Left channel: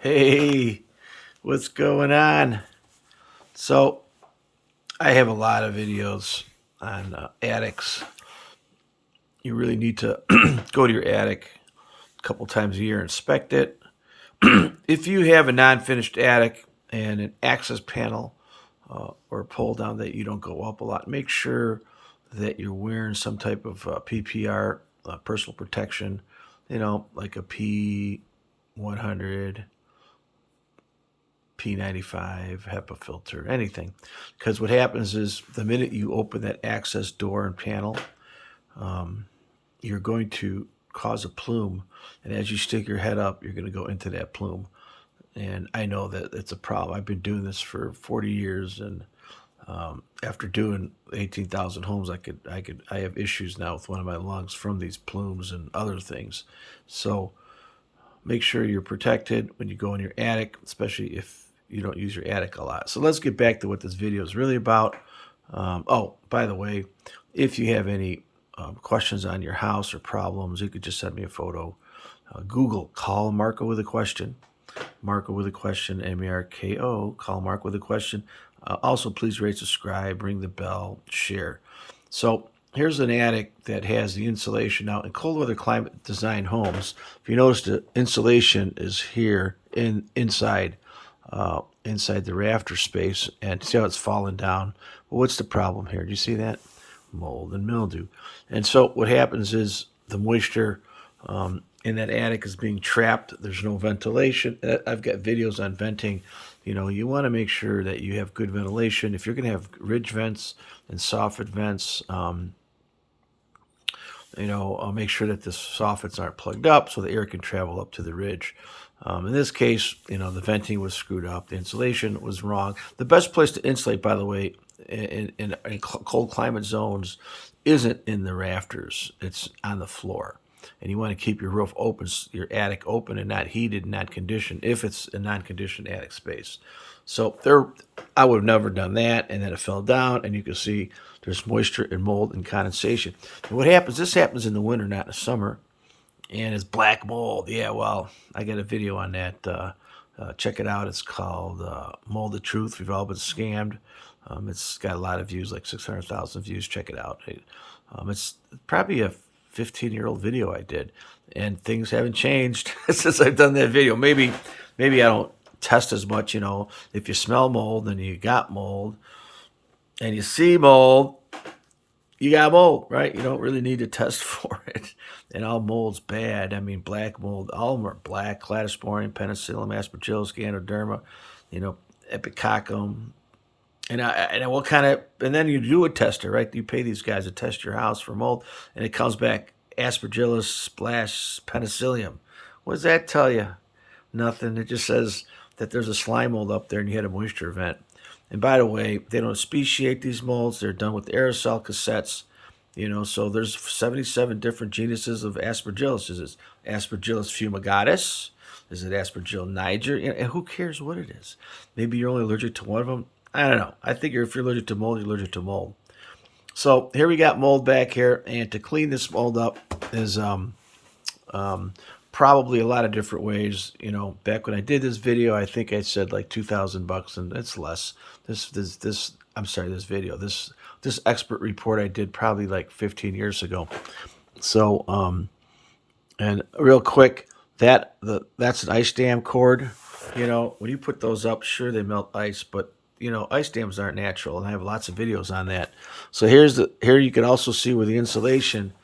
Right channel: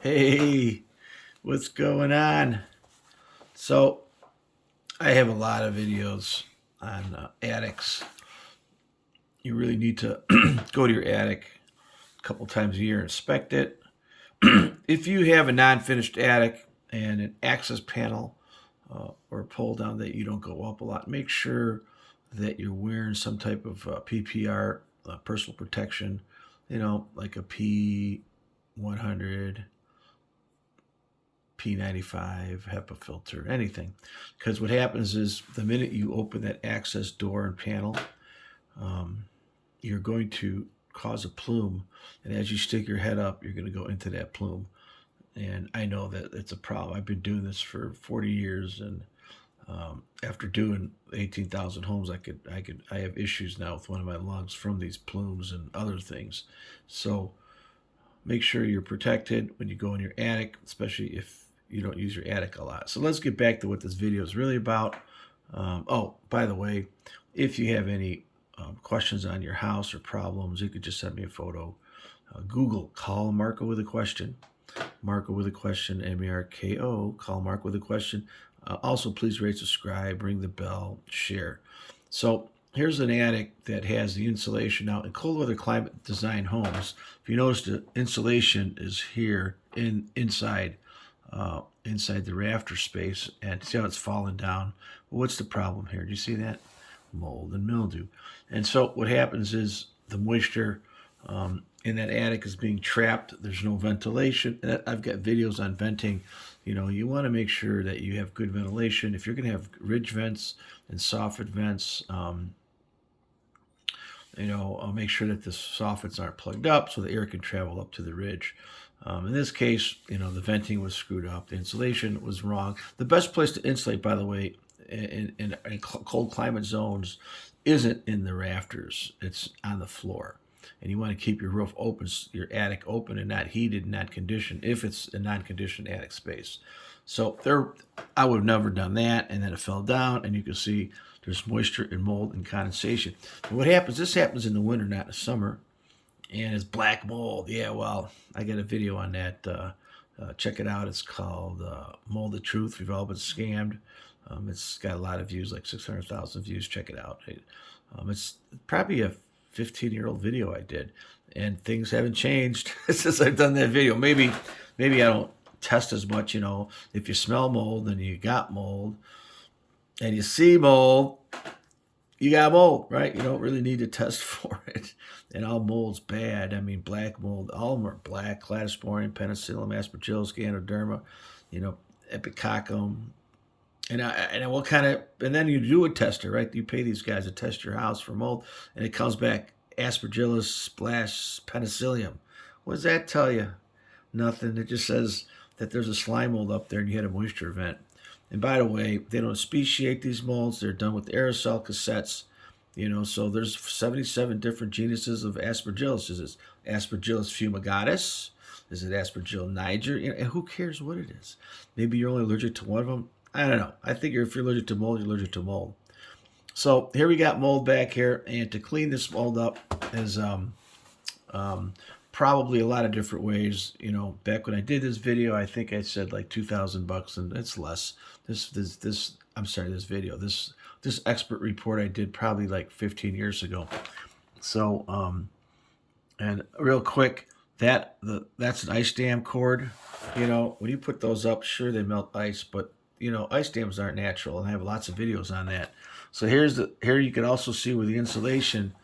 Hey, what's going on? So, I have a lot of videos on attics. You really need to go to your attic a couple times a year, inspect it. If you have a non-finished attic and an access panel or a pull down that you don't go up a lot, make sure that you're wearing some type of PPR, personal protection, like a P100, P95, HEPA filter, anything. Because what happens is the minute you open that access door and panel, um, you're going to cause a plume. And as you stick your head up, you're going to go into that plume. And I know that it's a problem. I've been doing this for 40 years, and after doing 18,000 homes, I have issues now with one of my lungs from these plumes and other things. So make sure you're protected when you go in your attic, especially if you don't use your attic a lot. So let's get back to what this video is really about. Oh, by the way, if you have any questions on your house or problems, you could just send me a photo. Google, call Marco with a question. Marco with a question, M-A-R-K-O, call Marco with a question. Also, please rate, subscribe, ring the bell, share. So here's an attic that has the insulation. Now, in cold weather climate design homes, if you notice, the insulation is here inside the rafter space, and see how it's falling down. Well, what's the problem here? Do you see that? Mold and mildew. And so what happens is the moisture in that attic is being trapped. There's no ventilation. I've got videos on venting. You want to make sure that you have good ventilation. If you're going to have ridge vents and soffit vents, make sure that the soffits aren't plugged up so the air can travel up to the ridge. In this case, the venting was screwed up. The insulation was wrong. The best place to insulate, by the way, in cold climate zones isn't in the rafters. It's on the floor. And you want to keep your roof open, your attic open and not heated, not conditioned, if it's a non-conditioned attic space. So I would have never done that, and then it fell down, and you can see there's moisture and mold and condensation. And what happens, this happens in the winter, not in the summer, and it's black mold. Yeah, well, I got a video on that. Check it out. It's called Mold the Truth. We've all been scammed. It's got a lot of views, like 600,000 views. Check it out. It's probably a 15-year-old video I did, and things haven't changed since I've done that video. Maybe I don't test as much. If you smell mold, then you got mold, and you see mold, you got mold, right? You don't really need to test for it. And all mold's bad. I mean, black mold, all of them are black: Cladosporium, Penicillium, Aspergillus, Ganoderma, Epicoccum. And what kind of, and then you do a tester, right? You pay these guys to test your house for mold, and it comes back Aspergillus splash Penicillium. What does that tell you? Nothing. It just says that there's a slime mold up there and you had a moisture event. And by the way, they don't speciate these molds. They're done with aerosol cassettes. So there's 77 different genuses of Aspergillus. Is it Aspergillus fumigatus? Is it Aspergillus niger? And who cares what it is? Maybe you're only allergic to one of them. I don't know. I think if you're allergic to mold, you're allergic to mold. So here we got mold back here, and to clean this mold up is probably a lot of different ways. Back when I did this video, I think I said like $2,000, and it's less. This expert report I did probably like 15 years ago. So and real quick, that's an ice dam cord. When you put those up, sure, they melt ice, but ice dams aren't natural, and I have lots of videos on that. So here you can also see where the insulation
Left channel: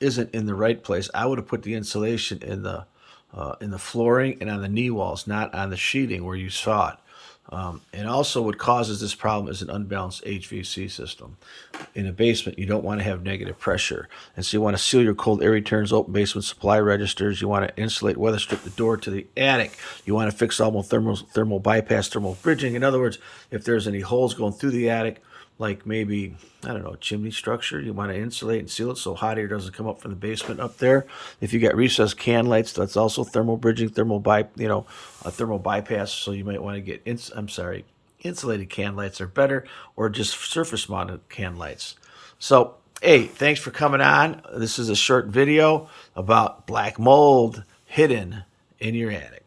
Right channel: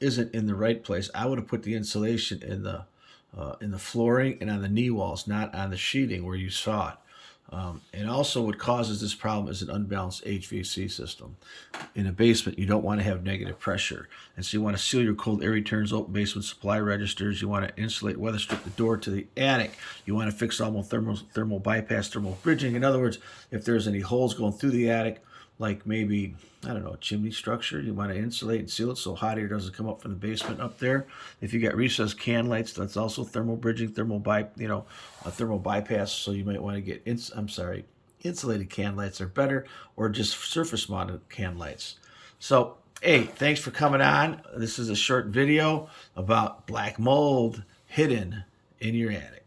isn't in the right place. I would have put the insulation in the flooring and on the knee walls, not on the sheathing where you saw it. And also what causes this problem is an unbalanced HVAC system. In a basement, you don't want to have negative pressure. And so you want to seal your cold air returns, open basement supply registers. You want to insulate, weather strip the door to the attic. You want to fix all thermal bypass, thermal bridging. In other words, if there's any holes going through the attic, like maybe, I don't know, a chimney structure, you want to insulate and seal it so hot air doesn't come up from the basement up there. If you got recessed can lights, that's also thermal bridging, thermal bypass. So you might want to get, insulated can lights are better, or just surface mounted can lights. So, hey, thanks for coming on. This is a short video about black mold hidden in your attic.